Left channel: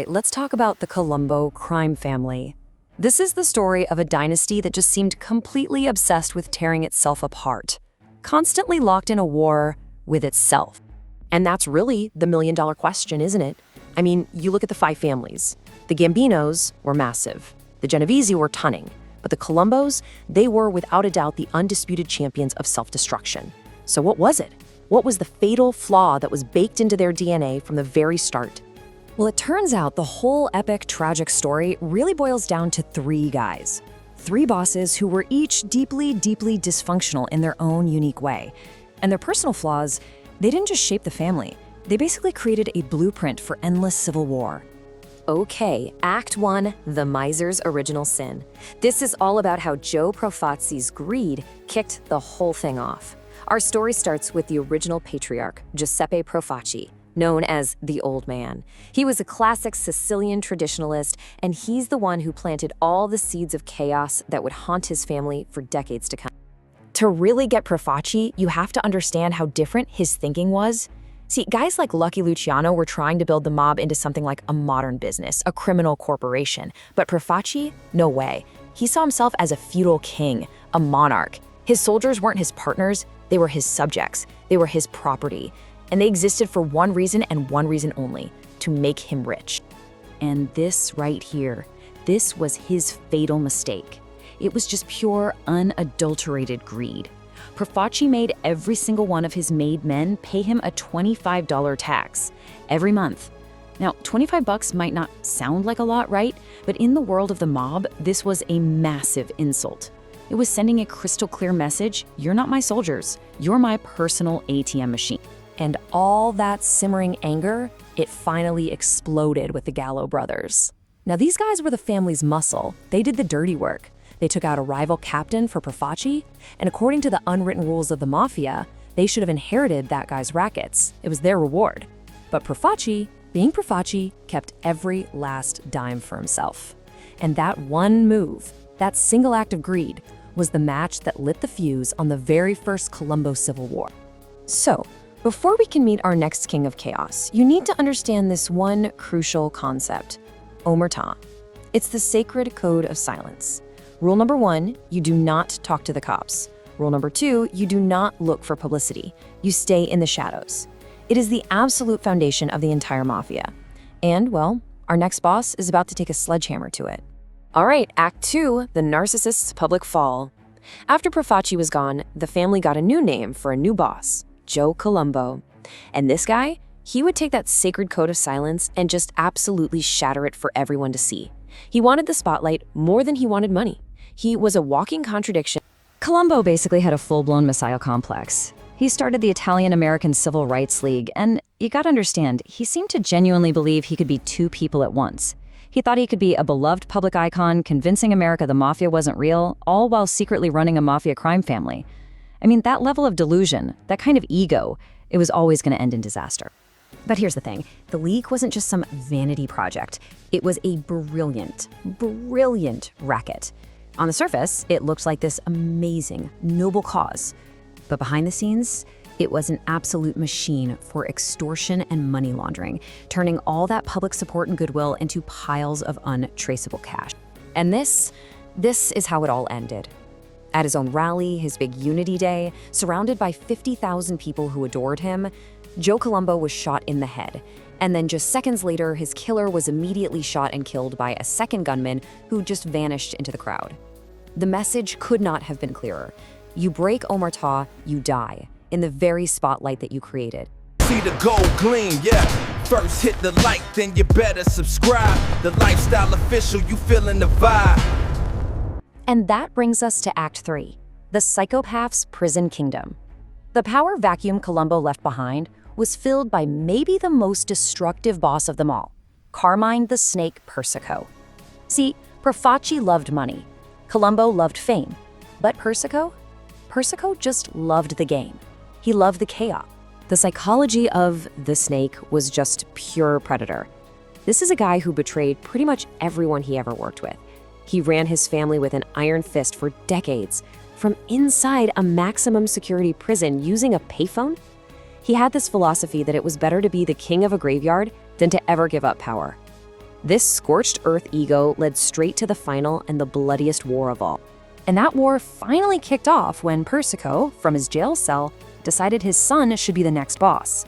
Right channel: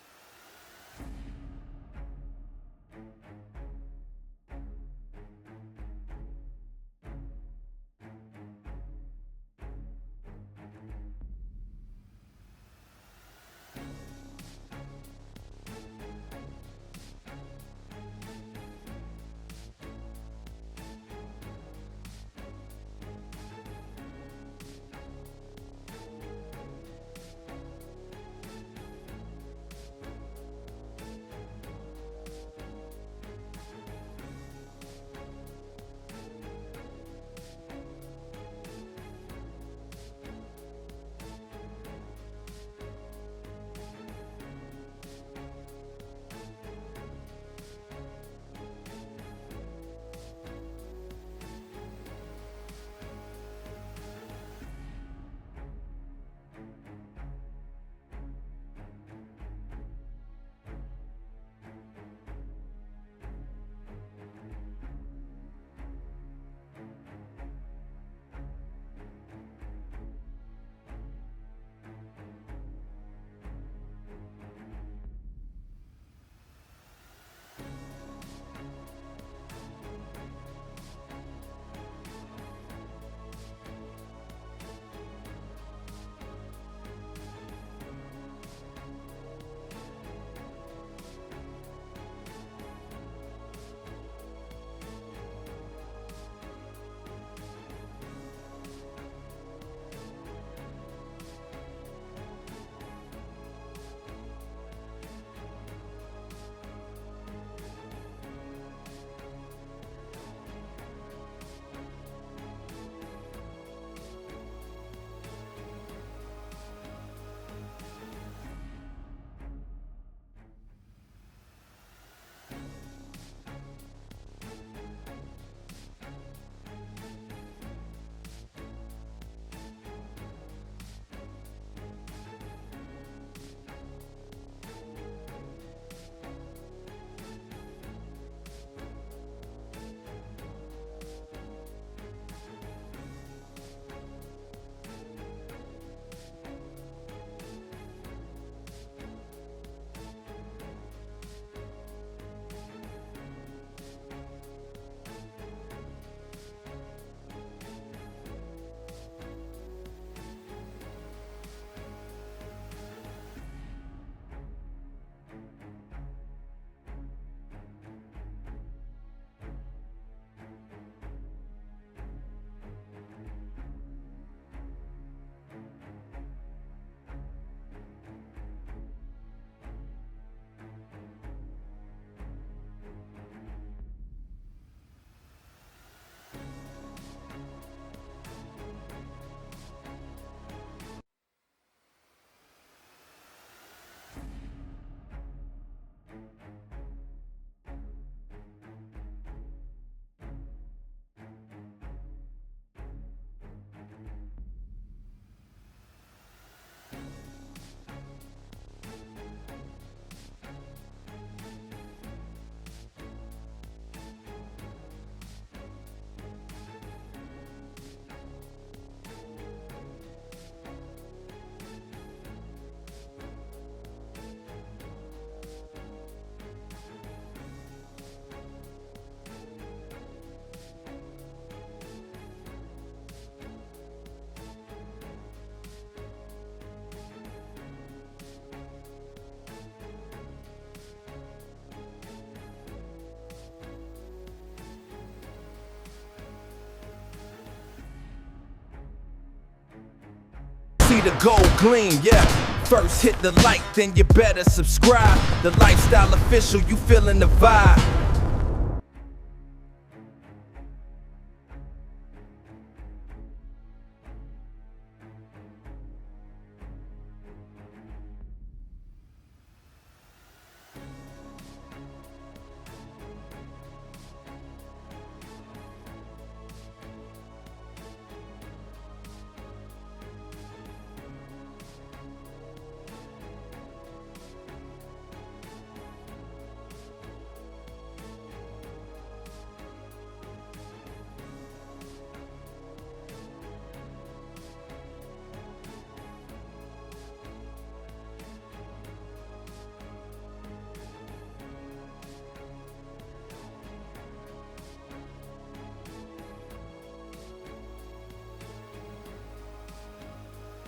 right, let's talk about the Colombo crime family. This is the story of a dynasty that just seemed completely obsessed with tearing itself apart, constantly locked in a war with itself. And that's really the million-dollar question, isn't it? I mean, you look at the five families. The Gambinos were massive. The Genovese were tunning. But the Colombos, they were without a doubt the undisputed champions of self-destruction. So what was it? What was the fatal flaw that was baked into their DNA from the very start? Well, it turns out the whole epic, tragic story really boils down to three guys. Three bosses who were each deeply, deeply dysfunctional in their own unique way. And their personal flaws, they didn't just shape the family. They basically created a blueprint for endless civil war. Okay, Act 1, The Miser's Original Sin. This is all about how Joe Profaci's greed kicked the whole thing off. Our story starts with the original patriarch, Giuseppe Profaci, known as the Old Man. He was a classic Sicilian traditionalist, and he's the one who planted all the seeds of chaos that would haunt his family for decades to come. To really get Profaci, you have to understand how different his thinking was. See, guys like Lucky Luciano were trying to build the mob into something like a modern business, a criminal corporation. But Profaci, no way. He saw himself as a feudal king, a monarch. His soldiers weren't his partners, they were his subjects. They were his property. And they existed for one reason and one reason only, to make him rich. And this right here, this was his fatal mistake. It was just pure, unadulterated greed. Profaci made every single one of his made men pay him a $25 tax every month. Now, $25 might not sound like a lot, right? But in the world of the mob, this was a massive insult. It was sending a crystal clear message: you're not my soldiers, you're my personal ATM machine. And all that simmering anger, it finally exploded with the Gallo brothers. Now, these guys were the family's muscle. They did the dirty work. They took out a rival captain for Profaci, and according to the unwritten rules of the Mafia, they should have inherited that guy's rackets. It was their reward. But Profaci, being Profaci, kept every last dime for himself. And that one move, that single act of greed, was the match that lit the fuse on the very first Colombo Civil War. So, before we can meet our next king of chaos, you need to understand this one crucial concept: omerta. It's the sacred code of silence. Rule number 1, you do not talk to the cops. Rule number 2, you do not look for publicity. You stay in the shadows. It is the absolute foundation of the entire Mafia. And, well, our next boss is about to take a sledgehammer to it. All right, Act 2, the narcissist's public fall. After Profaci was gone, the family got a new name for a new boss: Joe Colombo. And this guy, he would take that sacred code of silence and just absolutely shatter it for everyone to see. He wanted the spotlight more than he wanted money. He was a walking contradiction. Colombo basically had a full-blown messiah complex. He started the Italian-American Civil Rights League, and you gotta understand, he seemed to genuinely believe he could be two people at once. He thought he could be a beloved public icon, convincing America the Mafia wasn't real, all while secretly running a Mafia crime family. I mean, that level of delusion, that kind of ego, it was always gonna end in disaster. But here's the thing, the League wasn't just some vanity project. It was a brilliant, brilliant racket. On the surface, it looked like this amazing, noble cause. But behind the scenes, it was an absolute machine for extortion and money laundering, turning all that public support and goodwill into piles of untraceable cash. And this is how it all ended. At his own rally, his big Unity Day, surrounded by 50,000 people who adored him, Joe Colombo was shot in the head. And then just seconds later, his killer was immediately shot and killed by a second gunman who just vanished into the crowd. The message could not have been clearer. You break omerta, you die, in the very spotlight that you created. See the gold gleam, yeah. First hit the like, then you better subscribe. The Lifestyle Official, you feeling the vibe. And that brings us to Act 3, the psychopath's prison kingdom. The power vacuum Colombo left behind was filled by maybe the most destructive boss of them all, Carmine the Snake Persico. See, Profaci loved money. Colombo loved fame. But Persico just loved the game. He loved the chaos. The psychology of the snake was just pure predator. This is a guy who betrayed pretty much everyone he ever worked with. He ran his family with an iron fist for decades, from inside a maximum security prison using a payphone. He had this philosophy that it was better to be the king of a graveyard than to ever give up power. This scorched earth ego led straight to the final and the bloodiest war of all. And that war finally kicked off when Persico, from his jail cell, decided his son should be the next boss.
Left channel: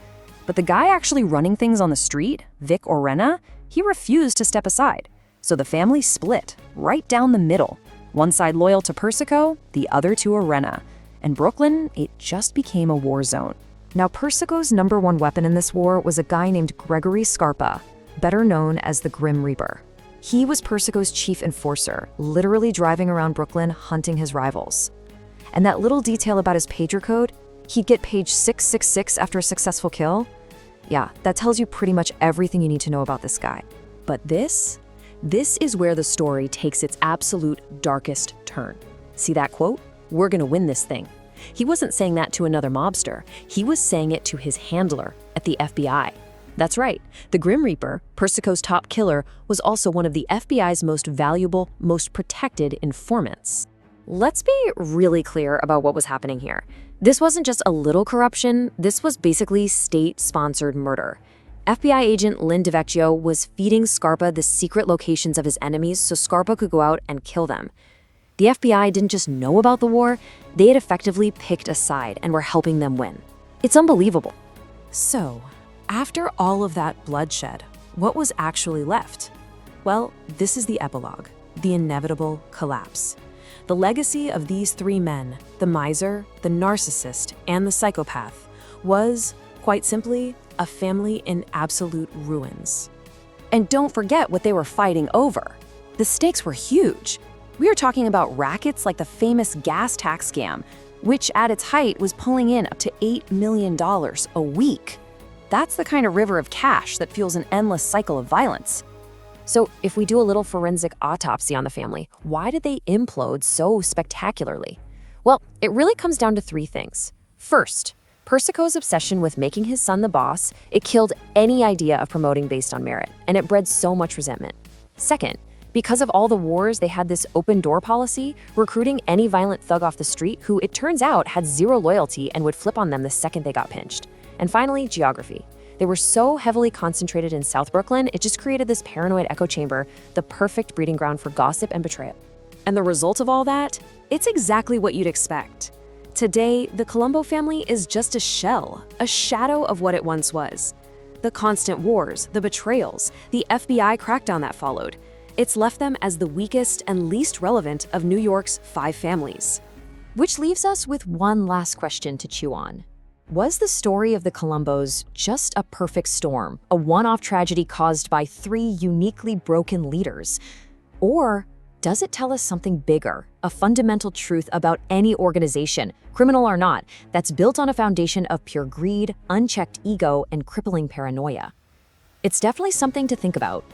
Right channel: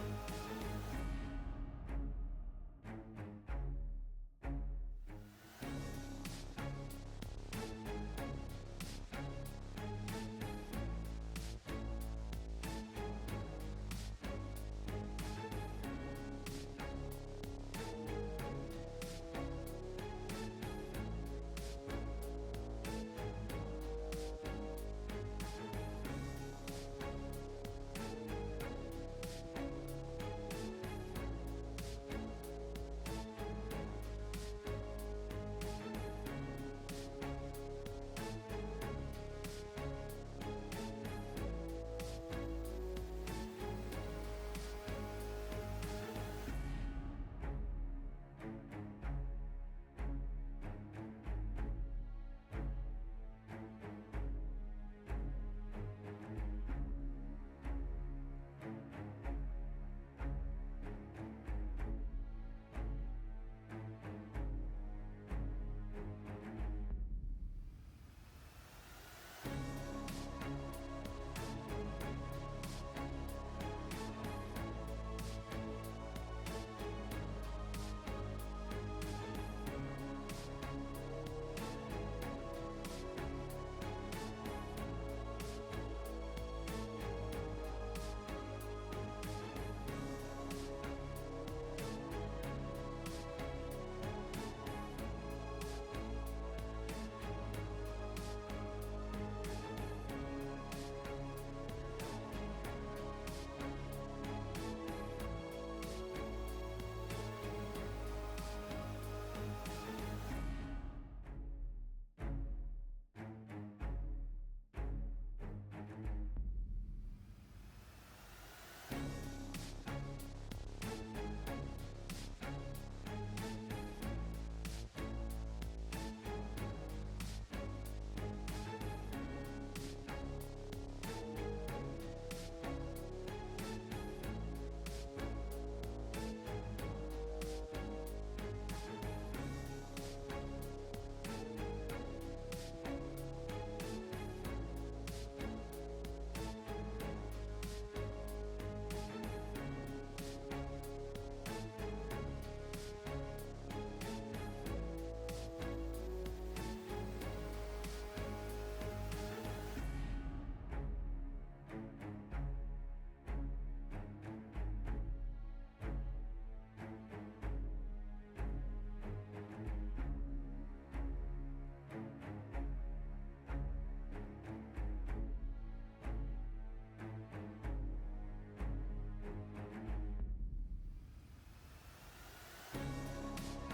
But the guy actually running things on the street, Vic Orena, he refused to step aside. So the family split, right down the middle. One side loyal to Persico, the other to Orena. And Brooklyn, it just became a war zone. Now, Persico's #1 weapon in this war was a guy named Gregory Scarpa, better known as the Grim Reaper. He was Persico's chief enforcer, literally driving around Brooklyn hunting his rivals. And that little detail about his pager code, he'd get page 666 after a successful kill, yeah, that tells you pretty much everything you need to know about this guy. But this is where the story takes its absolute darkest turn. See that quote? "We're gonna win this thing." He wasn't saying that to another mobster. He was saying it to his handler at the FBI. That's right, the Grim Reaper, Persico's top killer, was also one of the FBI's most valuable, most protected informants. Let's be really clear about what was happening here. This wasn't just a little corruption, this was basically state-sponsored murder. FBI agent Lynn DeVecchio was feeding Scarpa the secret locations of his enemies so Scarpa could go out and kill them. The FBI didn't just know about the war, they had effectively picked a side and were helping them win. It's unbelievable. So, after all of that bloodshed, what was actually left? Well, this is the epilogue, the inevitable collapse. The legacy of these three men, the miser, the narcissist, and the psychopath, was, quite simply, a family in absolute ruins. And don't forget what they were fighting over. The stakes were huge. We are talking about rackets like the famous gas tax scam, which at its height was pulling in up to $8 million a week. That's the kind of river of cash that fuels an endless cycle of violence. So if we do a little forensic autopsy on the family, why did they implode so spectacularly? Well, it really comes down to three things. First, Persico's obsession with making his son the boss, it killed any idea of promoting based on merit, and it bred so much resentment. Second, because of all the wars, they had this open door policy, recruiting any violent thug off the street who, it turns out, had zero loyalty and would flip on them the second they got pinched. And finally, geography. They were so heavily concentrated in South Brooklyn, it just created this paranoid echo chamber, the perfect breeding ground for gossip and betrayal. And the result of all that? It's exactly what you'd expect. Today, the Colombo family is just a shell, a shadow of what it once was. The constant wars, the betrayals, the FBI crackdown that followed. It's left them as the weakest and least relevant of New York's 5 families. Which leaves us with one last question to chew on. Was the story of the Colombos just a perfect storm, a one-off tragedy caused by 3 uniquely broken leaders? Or does it tell us something bigger, a fundamental truth about any organization, criminal or not, that's built on a foundation of pure greed, unchecked ego, and crippling paranoia? It's definitely something to think about.